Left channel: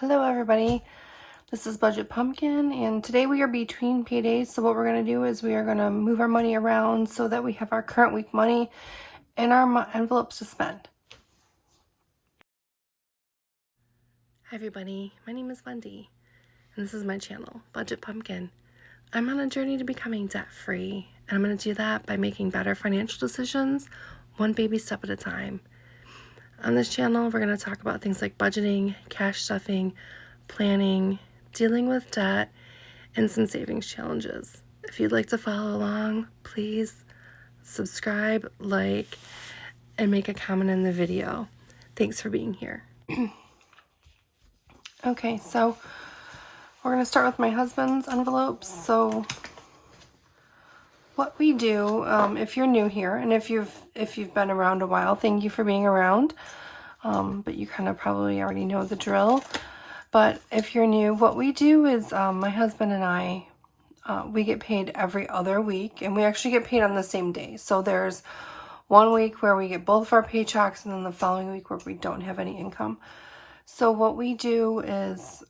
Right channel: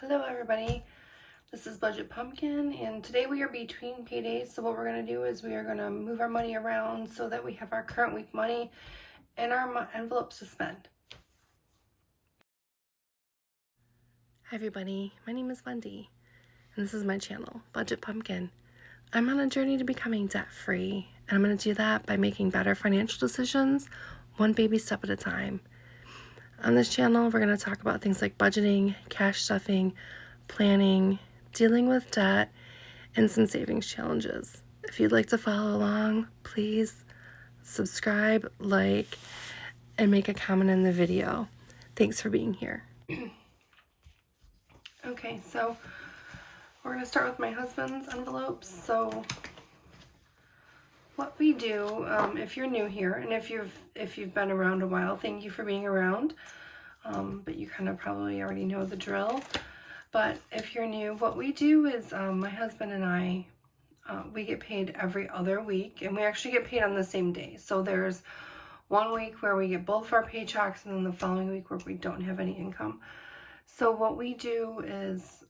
Hello everybody, this is Budget Pumpkin, and today we are between paydays. So what we're going to do is we are going to move our money around so that we have our current week money in our envelopes to spend. Hi everybody, my name is Wendy and this is my channel, Budget Pumpkin. I'm on a journey to becoming debt free, and I'm going to do that by making better financial decisions one baby step at a time. On this channel, we're going to talk about things like budgeting, cash stuffing, planning, dealing with debt, and some savings challenges. If you'd like to follow along, please subscribe, like, and make a comment in the video. Thanks for being here. Okay, so we're going to start with my husband's envelopes. So what we do, if you're new here, and if you've been around a while, thank you for being around. But you kind of probably already know the drill. But if you're new, what we do is my husband and I, we get paid every other week, and we actually get paid on the same day. So there's 1 week where we get both of our paychecks, and then the following week where we don't have any income. So what we do is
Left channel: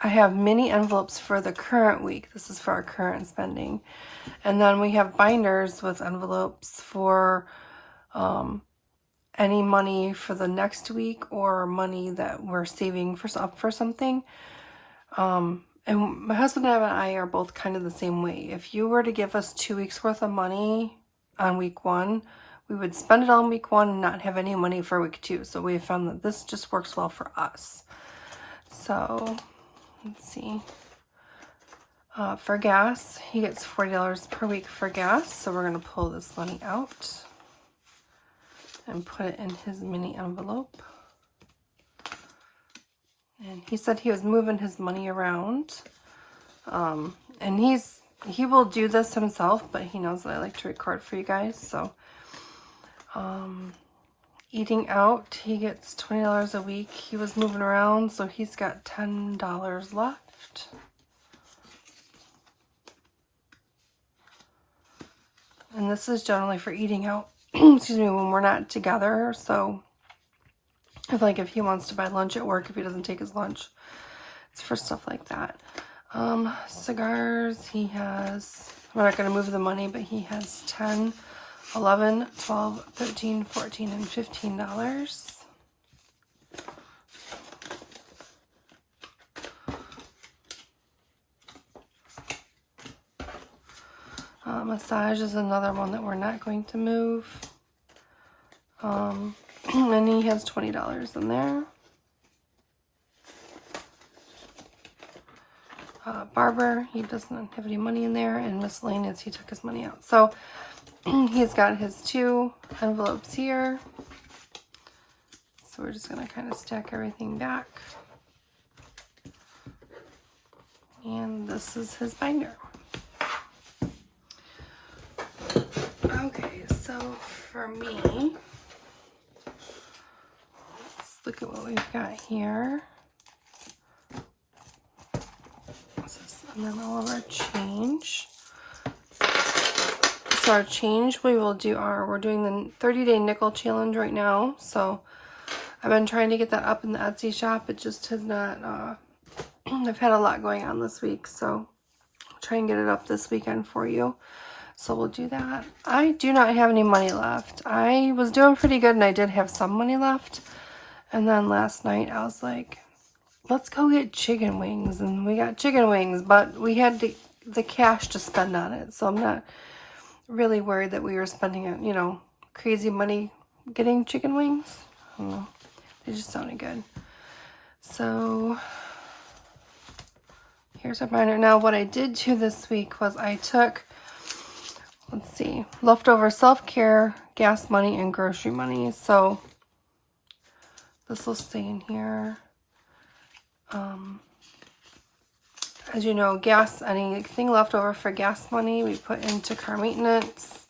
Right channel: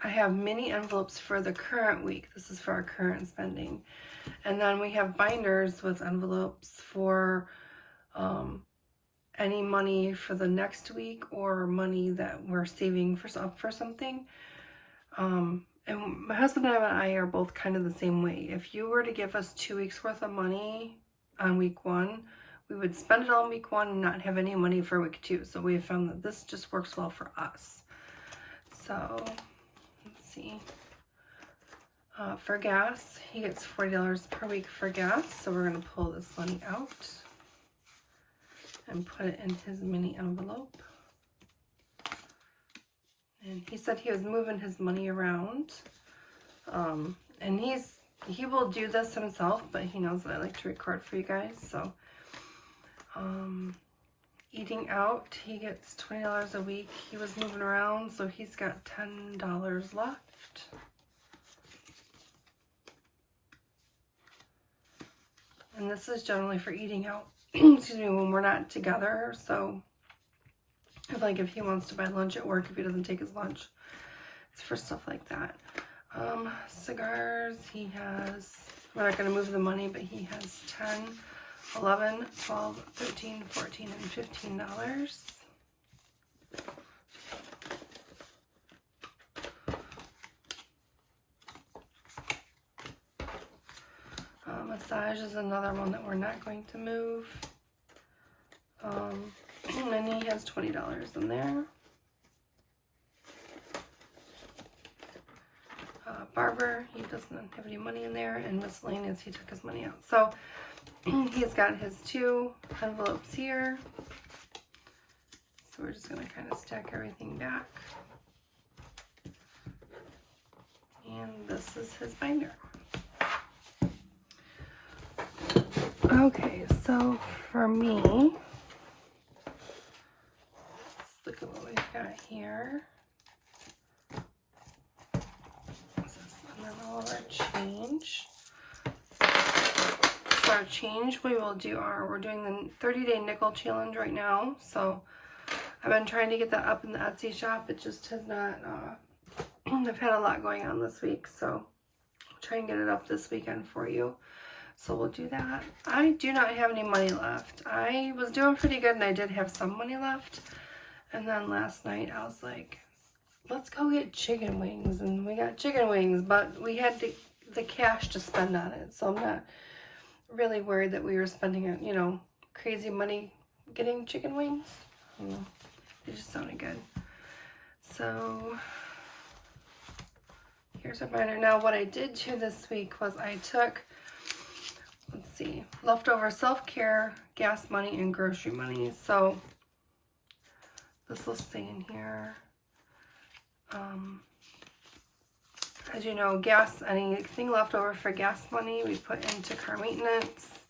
I have mini envelopes for the current week. This is for our current spending. And then we have binders with envelopes for any money for the next week or money that we're saving for something. And my husband and I are both kind of the same way. If you were to give us 2 weeks worth of money on week 1, we would spend it all in week 1 and not have any money for week 2. So we found that this just works well for us. So let's see. For gas, he gets $40 per week for gas. So we're going to pull this money out and put it in his mini envelope. And he said he was moving his money around. And he will do this himself, but he knows that I like to record for you guys. So eating out, he gets $20 a week. He was moving around, so he's got $10 left. And this is generally for eating out, excuse me, when we're not together. So if he wants to buy lunch at work, if he doesn't take his lunch, it's for stuff like that. Cigars, he has, we're not going to move the money, but he has 10, 11, 12, 13, 14, and $15. Massage is another one that we're not going to move. And he has $20 in there. Barber, he doesn't have any money in there, and miscellaneous, he took his money out. So he's got his 2 envelopes here. So we're just going to kind of stack everything back. And this is his binder. Okay, so for me, let's look at what we've got here. And then all of our change. So our change, we're doing the 30-day nickel challenge right now. So I've been trying to get that up in the Etsy shop. It just has not, I've had a lot going on this week. So I'll try and get it up this weekend for you. So we'll do that. I do not have any money left. I was doing pretty good and I did have some money left. And then last night I was like, let's go get chicken wings. And we got chicken wings, but we had the cash to spend on it. So I'm not really worried that we were spending, crazy money getting chicken wings. I don't know. It just sounded good. So here's our binder. Now what I did do this week was I took, let's see, leftover self-care, gas money, and grocery money. So this will stay in here. As you know, anything left over for gas money, we put into car maintenance.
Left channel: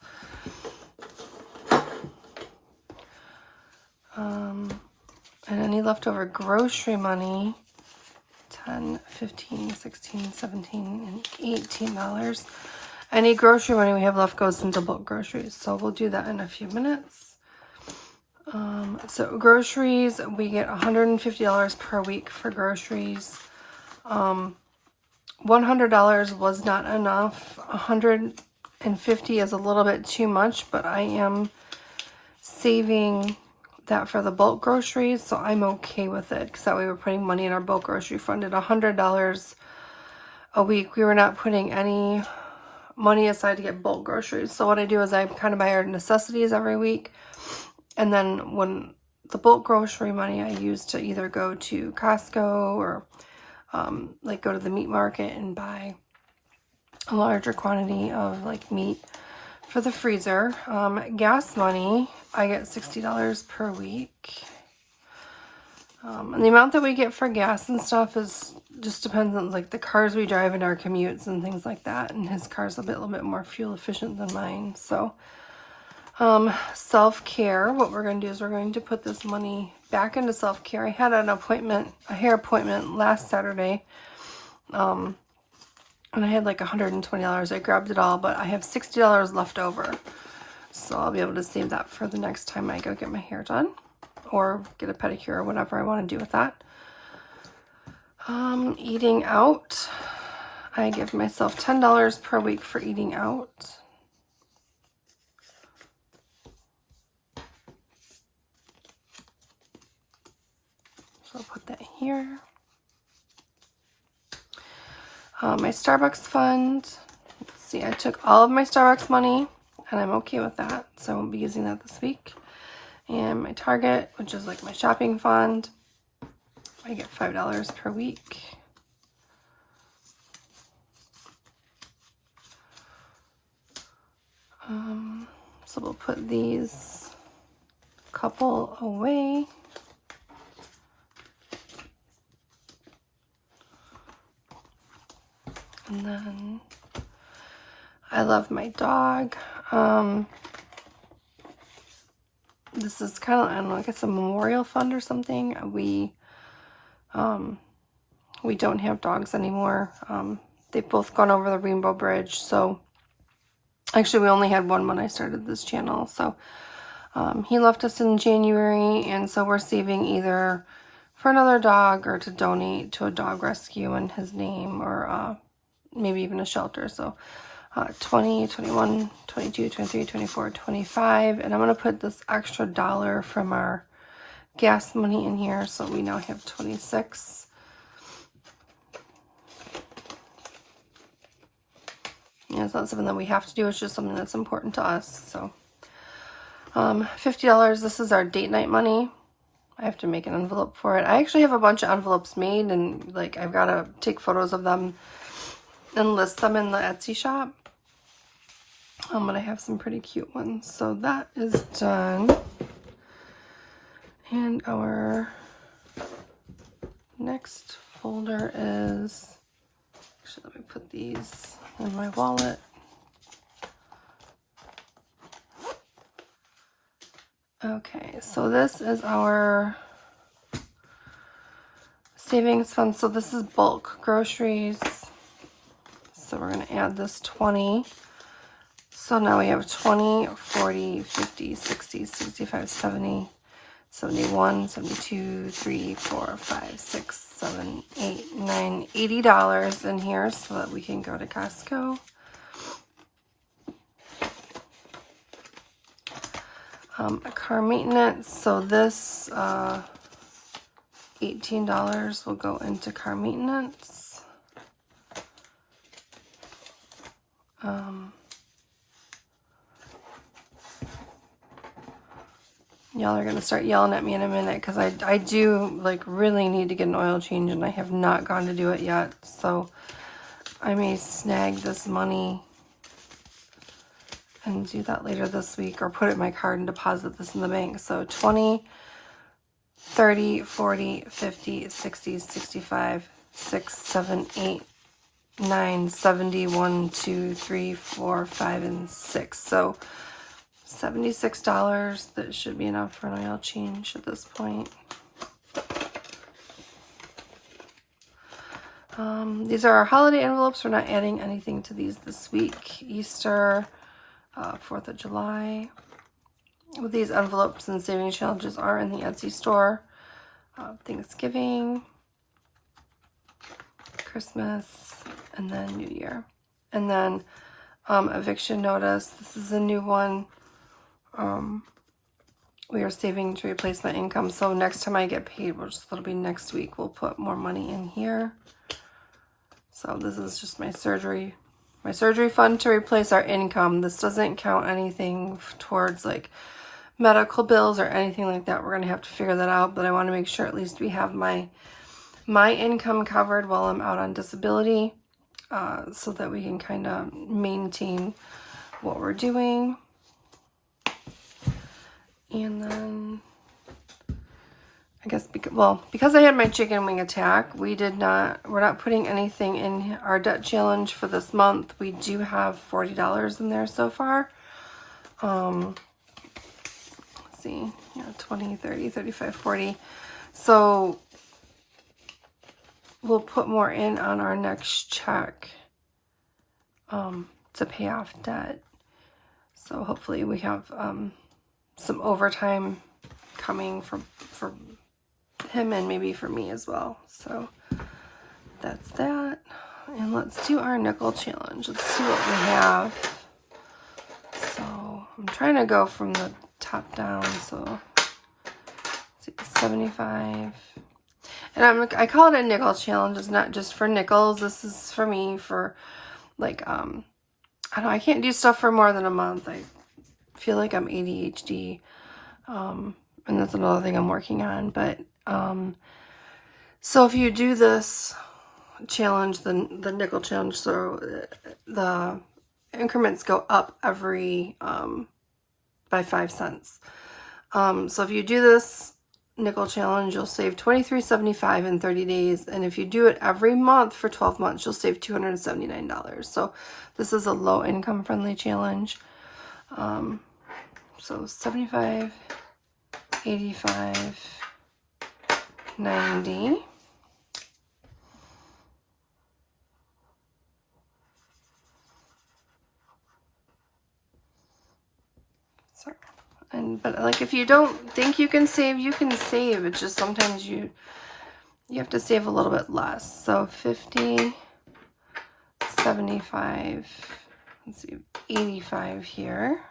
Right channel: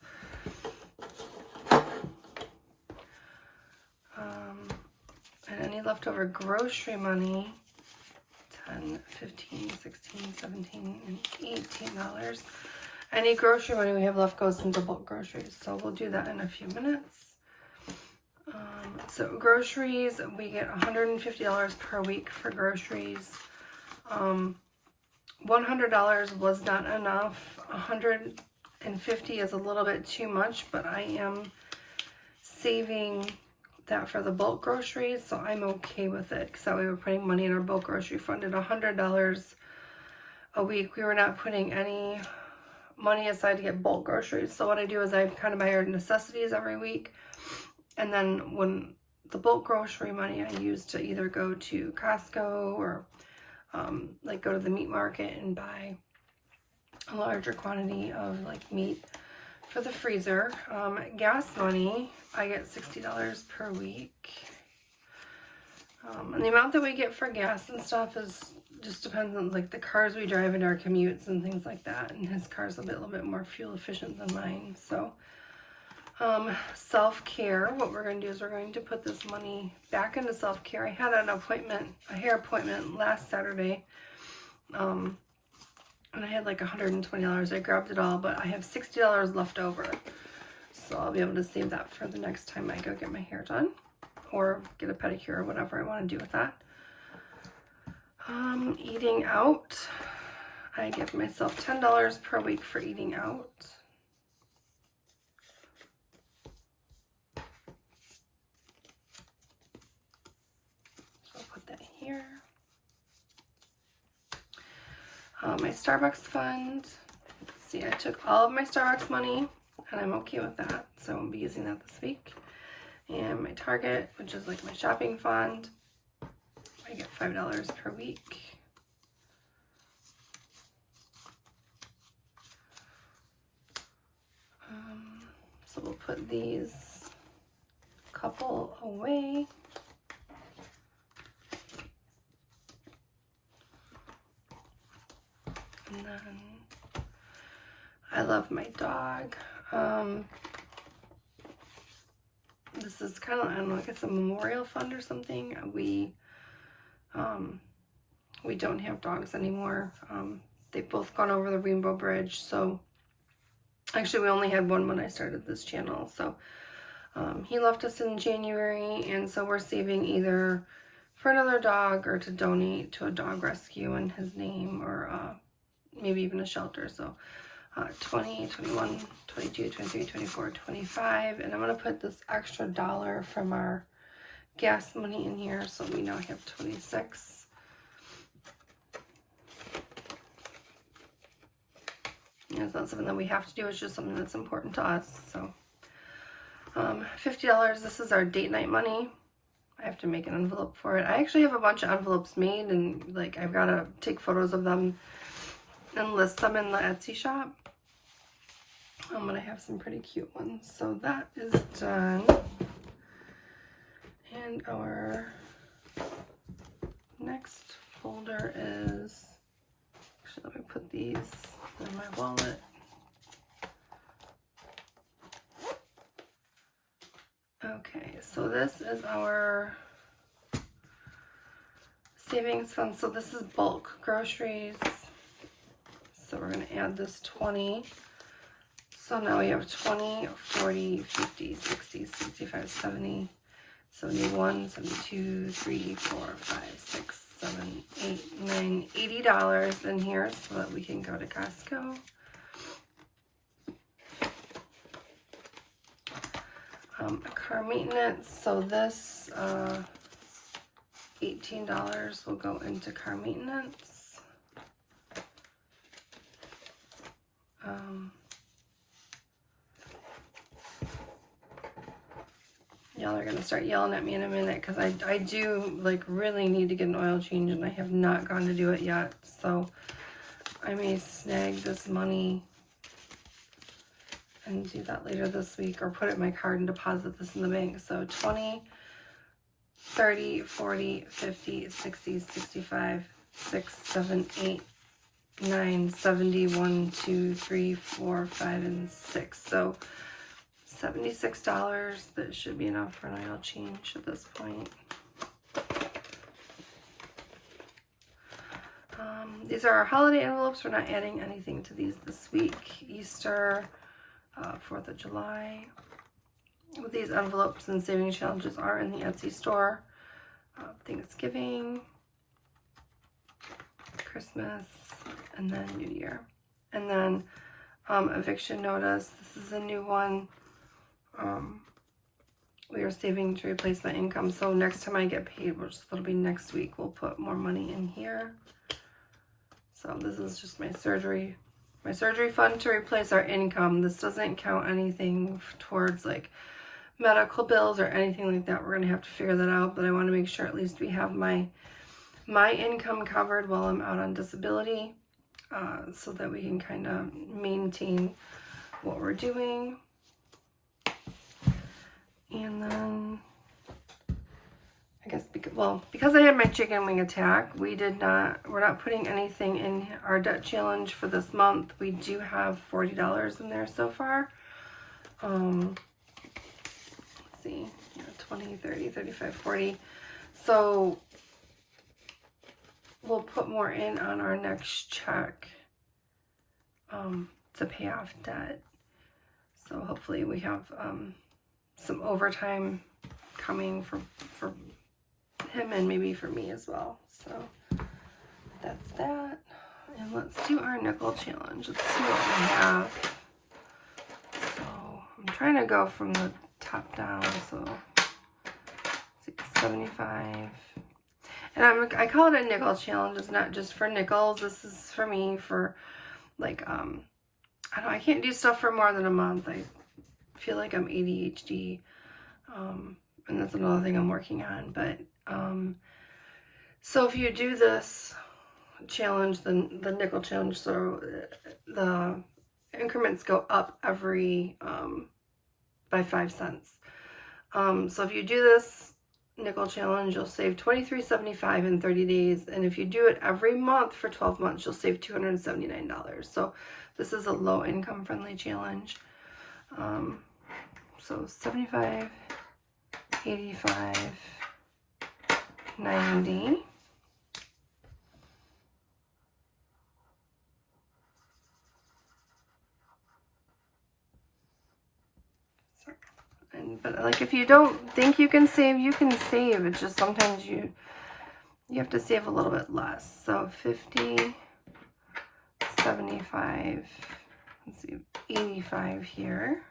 And any leftover grocery money, $10, $15, $16, $17, and $18. Any grocery money we have left goes into bulk groceries. So we'll do that in a few minutes. So groceries, we get $150 per week for groceries. $100 was not enough. $150 is a little bit too much, but I am saving that for the bulk groceries, so I'm okay with it because that way we're putting money in our bulk grocery fund at $100 a week. We were not putting any money aside to get bulk groceries. So what I do is I kind of buy our necessities every week, and then when the bulk grocery money I use to either go to Costco or like go to the meat market and buy a larger quantity of like meat for the freezer. Gas money, I get $60 per week. And the amount that we get for gas and stuff is just depends on like the cars we drive in our commutes and things like that. And his car's a little bit more fuel efficient than mine. So self-care, what we're going to do is we're going to put this money back into self-care. I had an appointment, a hair appointment last Saturday. And I had like $120. I grabbed it all, but I have $60 left over. So I'll be able to save that for the next time I go get my hair done or get a pedicure or whatever I want to do with that. Eating out, I give myself $10 per week for eating out. So I'll put that here. My Starbucks fund, let's see, I took all of my Starbucks money and I'm okay with that, so I won't be using that this week. And my Target, which is like my shopping fund, I get $5 per week. So we'll put these couple away. And then I love my dog. This is kind of, I don't know, like it's a memorial fund or something. We don't have dogs anymore. They've both gone over the Rainbow Bridge. So actually we only had one when I started this channel. So he left us in January, and so we're saving either for another dog or to donate to a dog rescue in his name, or maybe even a shelter. So 20, 21, 22, 23, 24, 25. And I'm going to put this extra dollar from our gas money in here, so we now have 26. Yeah, it's not something that we have to do. It's just something that's important to us. So $50. This is our date night money. I have to make an envelope for it. I actually have a bunch of envelopes made, and like I've got to take photos of them and list them in the Etsy shop. But I have some pretty cute ones. So that is done. And our next folder is, actually let me put these in my wallet. Okay, so this is our savings fund. So this is bulk groceries. So we're going to add this 20. So now we have 20, 40, 50, 60, 65, 70, 71, 72, 3, 4, 5, 6, 7, 8, 9, $80 in here so that we can go to Costco. Car maintenance, so this $18 will go into car maintenance. Y'all are gonna start yelling at me in a minute because I do like really need to get an oil change, and I have not gone to do it yet, so I may snag this money and do that later this week, or put it in my card and deposit this in the bank. So 20, 30, 40, 50, 60, 65, 6, 7, 8, 9, 70, 1, 2, 3, 4, 5, and 6. So $76. That should be enough for an oil change at this point. These are our holiday envelopes. We're not adding anything to these this week. Easter, 4th of July, what these envelopes and saving challenges are in the Etsy store. Thanksgiving, Christmas, and then New Year. And then eviction notice. This is a new one. We are saving to replace my income. So next time I get paid, which it'll be next week, we'll put more money in here. So this is just my surgery fund to replace our income. This doesn't count anything towards like medical bills or anything like that. We're going to have to figure that out, but I want to make sure at least we have my income covered while I'm out on disability, so that we can kind of maintain what we're doing. And then I guess because I had my chicken wing attack, we're not putting anything in our debt challenge for this month. We do have $40 in there so far. Let's see, 20, 30, 35, 40. So we'll put more in on our next check to pay off debt. So hopefully we have some overtime coming for him and maybe for me as well. So that's that. And let's do our nickel challenge. Let's see what we have. So I'm trying to go from the top down. So let's see, 75. And I call it a nickel challenge. It's not just for nickels. This is for me for like, I don't know, I can't do stuff for more than a month. I feel like I'm ADHD. And that's another thing I'm working on. But so if you do this challenge, the nickel challenge, so the increments go up every by 5 cents. So if you do this nickel challenge, you'll save $23.75 in 30 days, and if you do it every month for 12 months, you'll save $279. So this is a low income friendly challenge. So 75, 85, 90. Sorry. But like if you don't think you can save, you can save. It's just sometimes you have to save a little bit less. So 50, 75, let's see, 85 here.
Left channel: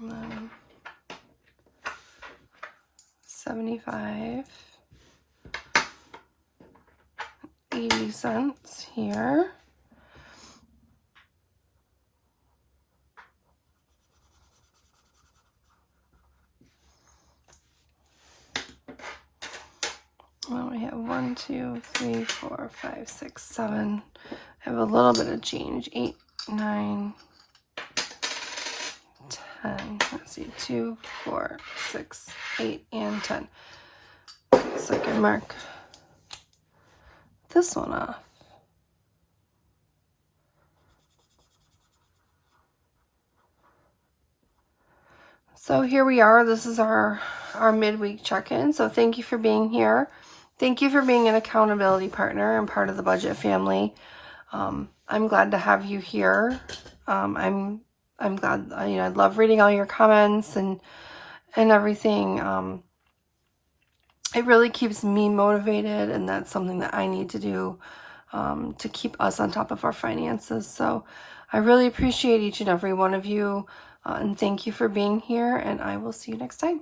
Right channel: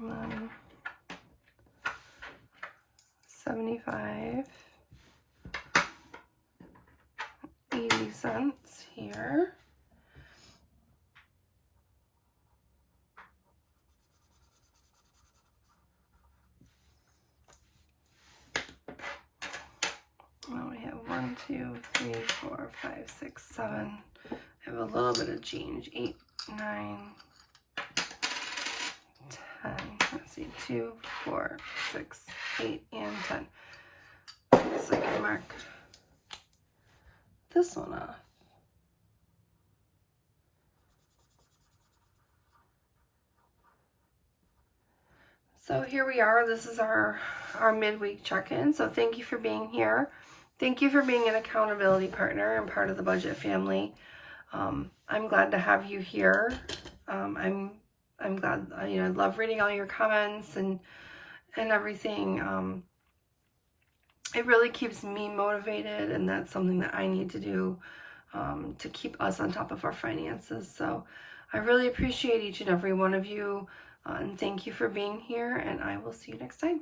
And then 75, 80 cents here. Well, we have 1, 2, 3, 4, 5, 6, 7. I have a little bit of change. 8, 9, 10. Let's see, 2, 4, 6, 8, and 10. So I can mark this one off. So here we are. This is our midweek check-in. So thank you for being here. Thank you for being an accountability partner and part of the budget family. I'm glad to have you here. I'm glad, I love reading all your comments and everything. It really keeps me motivated, and that's something that I need to do to keep us on top of our finances. So I really appreciate each and every one of you, and thank you for being here, and I will see you next time.